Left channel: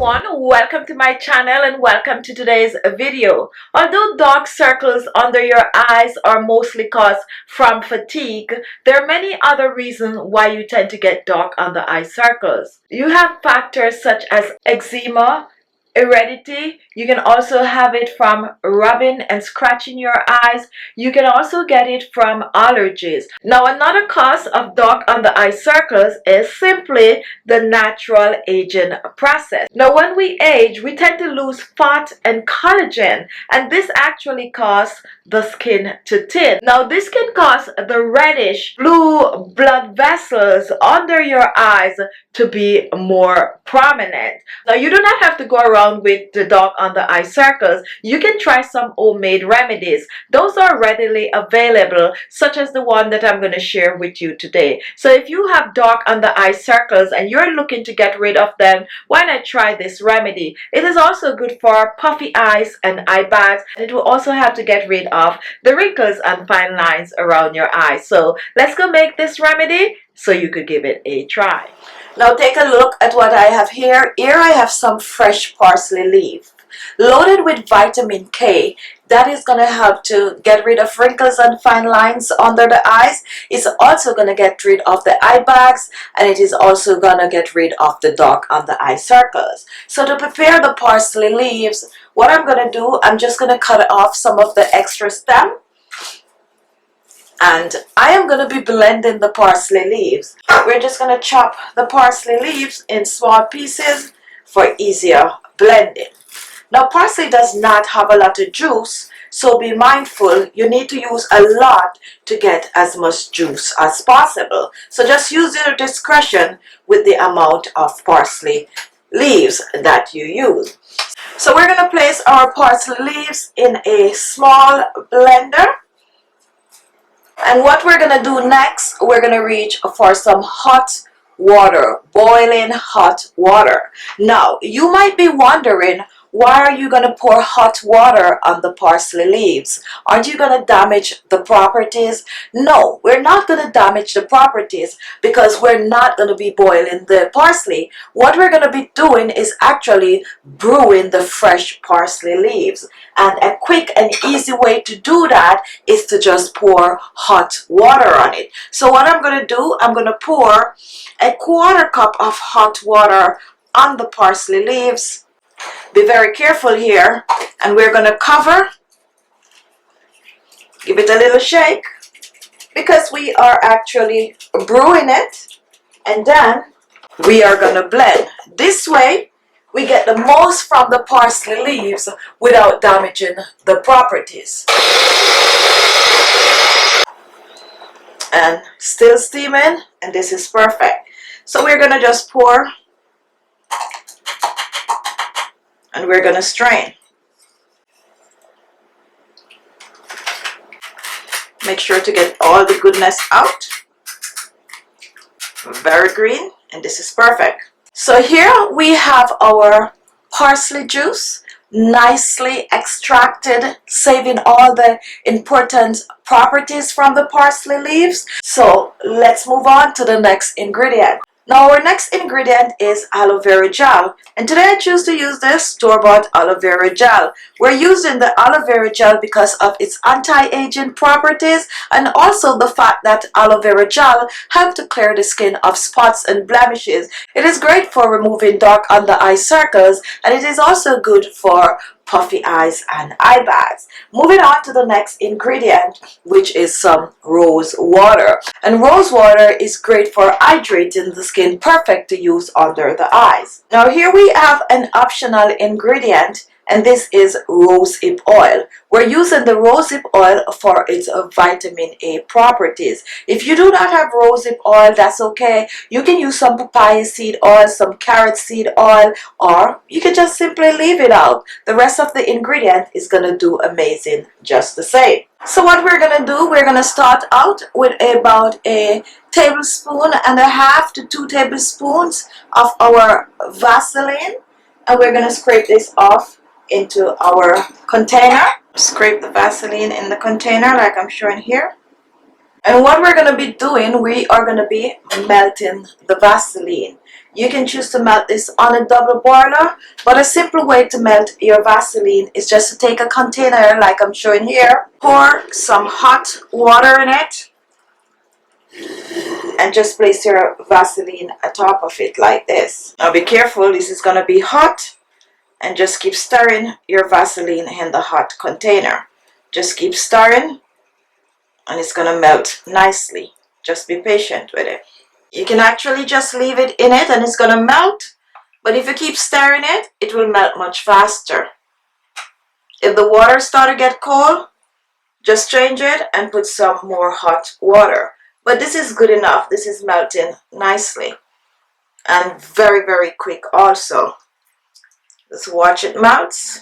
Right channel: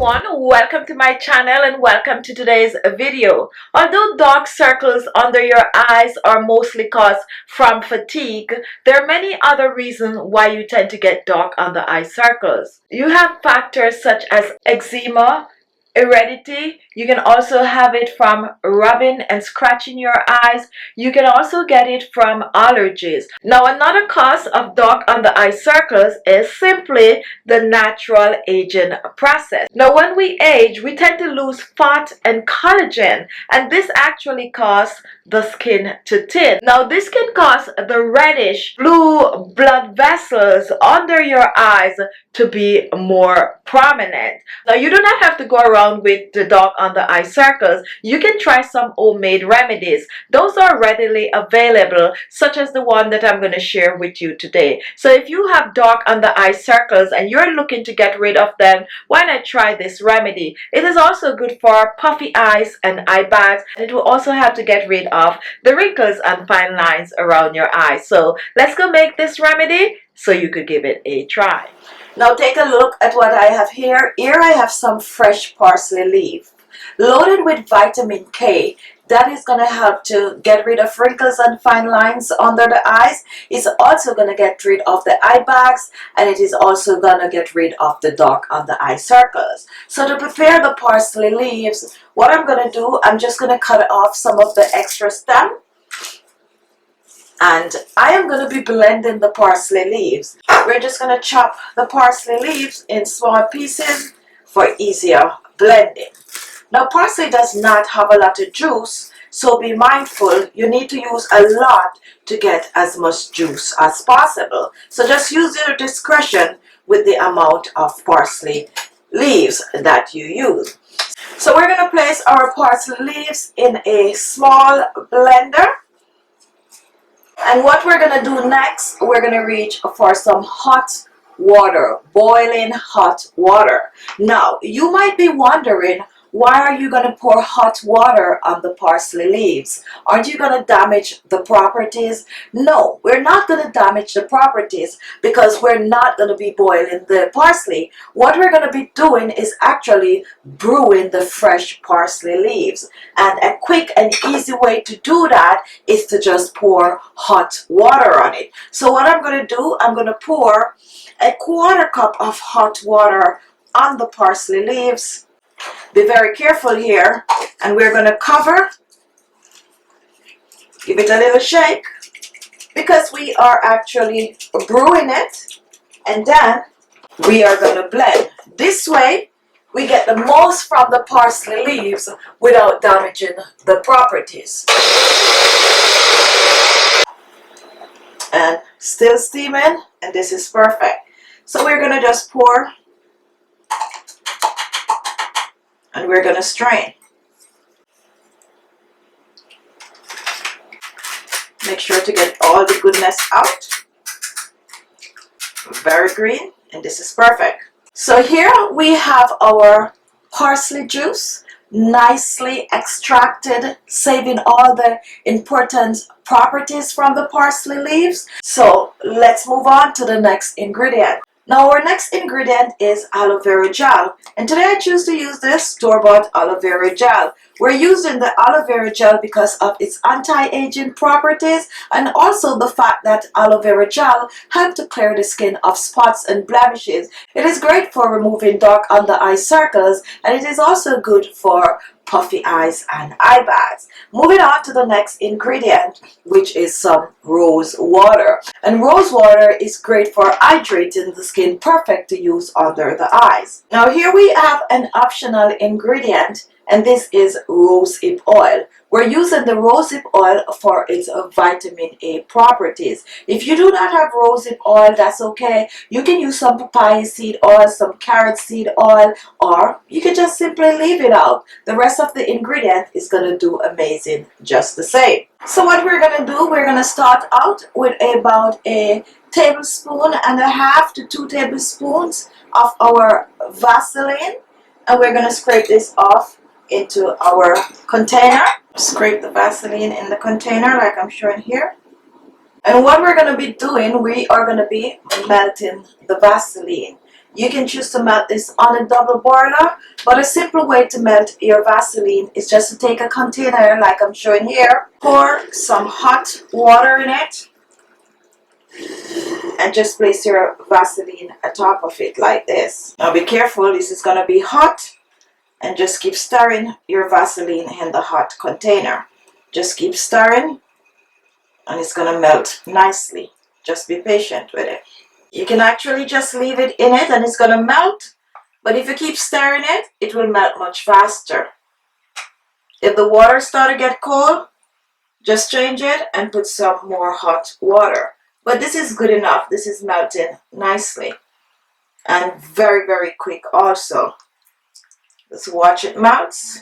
everyone, welcome to my channel and welcome to today's video. Although dark circles under your eyes are mostly caused from fatigue, there are many other reasons why you tend to get dark under eye circles. You have factors such as eczema, heredity. You can also have it from rubbing and scratching your eyes. You can also get it from allergies. Now, another cause of dark under eye circles is simply the natural aging process. Now, when we age, we tend to lose fat and collagen, and this actually causes the skin to thin. Now, this can cause the reddish blue blood vessels under your eyes to be more prominent. Now, you do not have to go around with the dark under eye circles. You can try some homemade remedies. Those are readily available, such as the one that I'm going to share with you today. So if you have dark under eye circles and you're looking to get rid of them, why not try this remedy? It is also good for puffy eyes and eye bags, and it will also help to get rid of the wrinkles and fine lines around your eyes. So let's go make this remedy so you could give it a try. Now take a look at what I have here. Here I have some fresh parsley leaf loaded with vitamin K. That is going to help to get rid of wrinkles and fine lines under the eyes. It's also going to get rid of the eye bags, and it is also going to get rid of the dark under eye circles. So to prepare the parsley leaves, what I'm going to do, I'm just going to cut off some of the extra stem. And I am going to be blending the parsley leaves. We're just going to chop the parsley leaves in small pieces for easier blending. Now, parsley does not have a lot of juice, so be mindful. You need to use a lot to get as much juice as possible. So just use your discretion with the amount of parsley leaves that you use. So we're going to place our parsley leaves in a small blender. And what we're going to do next, we're going to reach for some hot water, boiling hot water. Now, you might be wondering, why are you going to pour hot water on the parsley leaves? Aren't you going to damage the properties? No, we're not going to damage the properties because we're not going to be boiling the parsley. What we're going to be doing is actually brewing the fresh parsley leaves. And a quick and easy way to do that is to just pour hot water on it. So what I'm going to do, I'm going to pour a quarter cup of hot water on the parsley leaves. Be very careful here, and we're going to cover, give it a little shake, because we are actually brewing it, and then we are going to blend. This way, we get the most from the parsley leaves without damaging the properties. And still steaming, and this is perfect. So we're going to just pour, and we're going to strain. Make sure to get all the goodness out. Very green, and this is perfect. So here we have our parsley juice, nicely extracted, saving all the important properties from the parsley leaves. So let's move on to the next ingredient. Now our next ingredient is aloe vera gel, and today I choose to use this store-bought aloe vera gel. We're using the aloe vera gel because of its anti-aging properties and also the fact that aloe vera gel helps to clear the skin of spots and blemishes. It is great for removing dark under eye circles, and it is also good for puffy eyes and eye bags. Moving on to the next ingredient, which is some rose water. And rose water is great for hydrating the skin, perfect to use under the eyes. Now here we have an optional ingredient, and this is rosehip oil. We're using the rosehip oil for its vitamin A properties. If you do not have rosehip oil, that's okay. You can use some papaya seed oil, some carrot seed oil, or you can just simply leave it out. The rest of the ingredient is going to do amazing just the same. So what we're going to do, we're going to start out with about a tablespoon and a half to 2 tablespoons of our Vaseline, and we're going to scrape this off into our container. Scrape the Vaseline in the container like I'm showing here. And what we're going to be doing, we are going to be melting the Vaseline. You can choose to melt this on a double boiler, but a simple way to melt your Vaseline is just to take a container like I'm showing here, pour some hot water in it, and just place your Vaseline atop of it like this. Now be careful, this is going to be hot, and just keep stirring your Vaseline in the hot container. Just keep stirring and it's going to melt nicely. Just be patient with it. You can actually just leave it in it and it's going to melt, but if you keep stirring it, it will melt much faster. If the water starts to get cold, just change it and put some more hot water. But this is good enough. This is melting nicely and very, very quick also. Just watch it melts.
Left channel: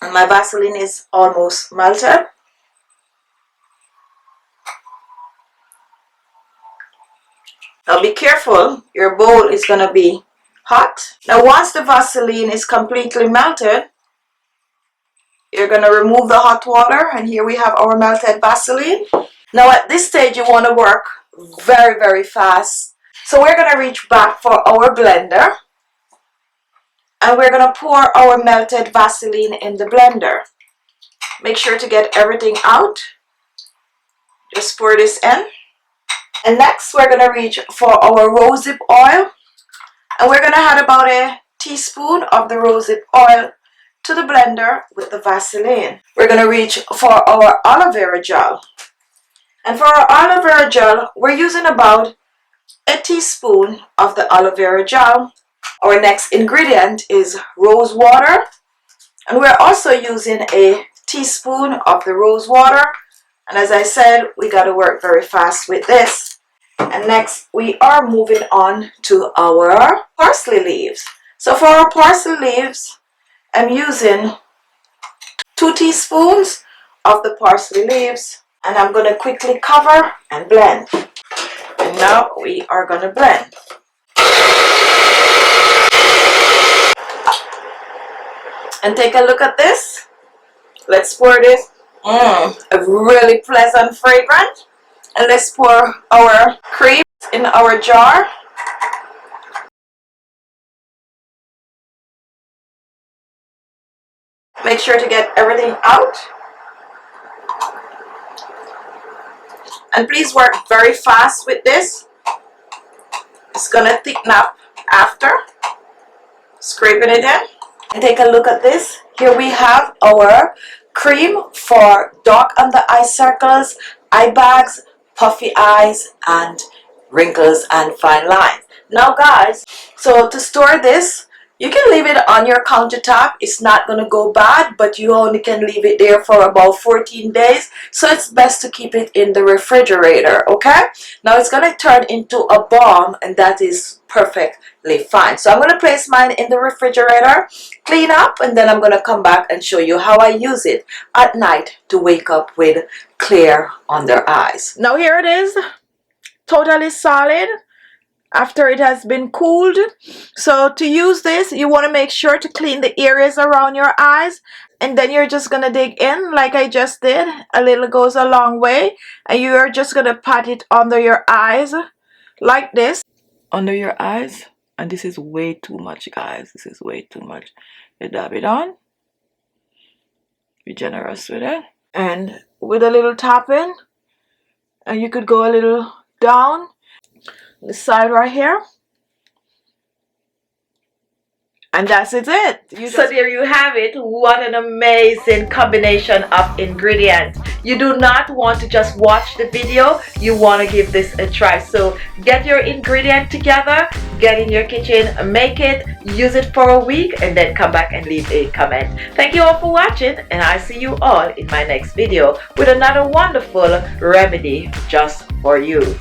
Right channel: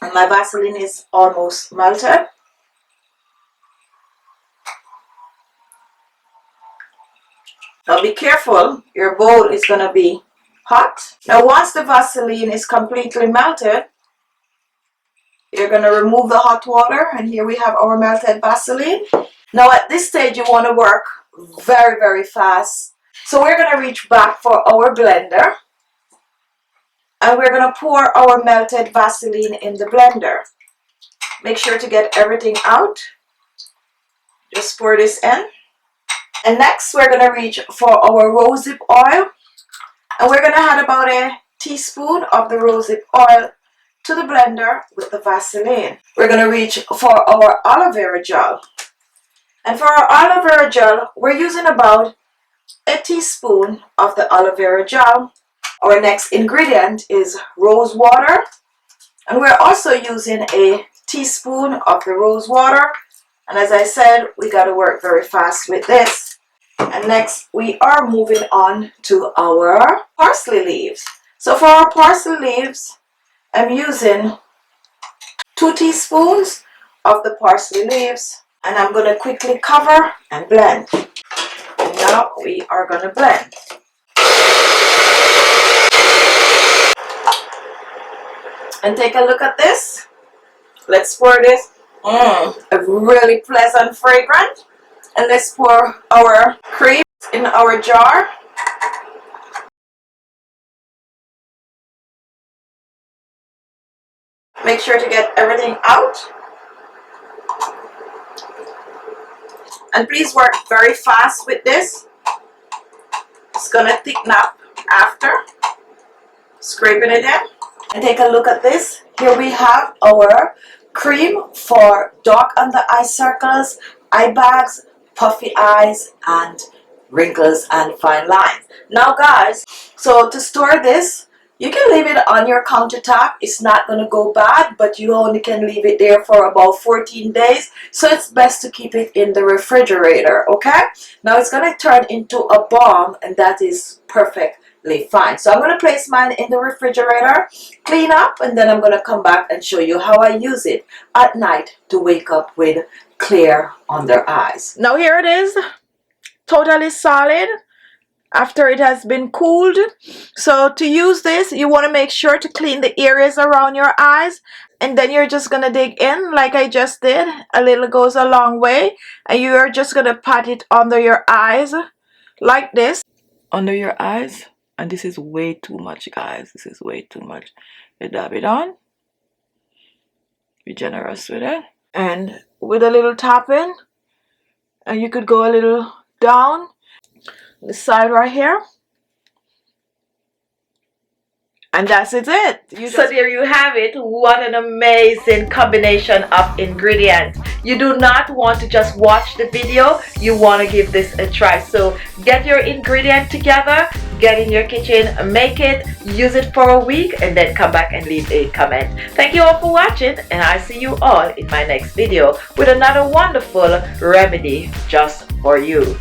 And my Vaseline is almost melted. Now be careful, your bowl is going to be hot. Now once the Vaseline is completely melted, you're going to remove the hot water, and here we have our melted Vaseline. Now at this stage you want to work very, very fast. So we're going to reach back for our blender, and we're going to pour our melted Vaseline in the blender. Make sure to get everything out. Just pour this in. And next we're going to reach for our rosehip oil, and we're going to add about a teaspoon of the rosehip oil to the blender with the Vaseline. We're going to reach for our aloe vera gel, and for our aloe vera gel we're using about a teaspoon of the aloe vera gel. Our next ingredient is rose water, and we're also using a teaspoon of the rose water. And as I said, we got to work very fast with this. And next we are moving on to our parsley leaves. So for our parsley leaves, I'm using 2 teaspoons of the parsley leaves, and I'm going to quickly cover and blend. And now we are going to blend. And take a look at this. Let's pour this. A really pleasant fragrance. And let's pour our cream in our jar. Make sure to get everything out. And please work very fast with this. It's gonna thicken up after. Scraping it in. And take a look at this. Here we have our cream for dark under eye circles, eye bags, puffy eyes, and wrinkles and fine lines. Now guys, so to store this, you can leave it on your countertop. It's not going to go bad, but you only can leave it there for about 14 days. So it's best to keep it in the refrigerator, okay? Now it's going to turn into a balm, and that is perfectly fine. So I'm going to place mine in the refrigerator, clean up, and then I'm going to come back and show you how I use it at night to wake up with clear under eyes. Now here it is, totally solid after it has been cooled. So to use this, you want to make sure to clean the areas around your eyes, and then you're just going to dig in like I just did. A little goes a long way, and you are just going to pat it under your eyes like this. Under your eyes. And this is way too much, guys. This is way too much. You dab it on. Be generous with it. And with a little tapping, and you could go a little down the side right here, and that's it. So there you have it. What an amazing combination of ingredients. You do not want to just watch the video, you want to give this a try. So get your ingredient together, get in your kitchen, make it, use it for a week, and then come back and leave a comment. Thank you all for watching, and I'll see you all in my next video with another wonderful remedy just for you.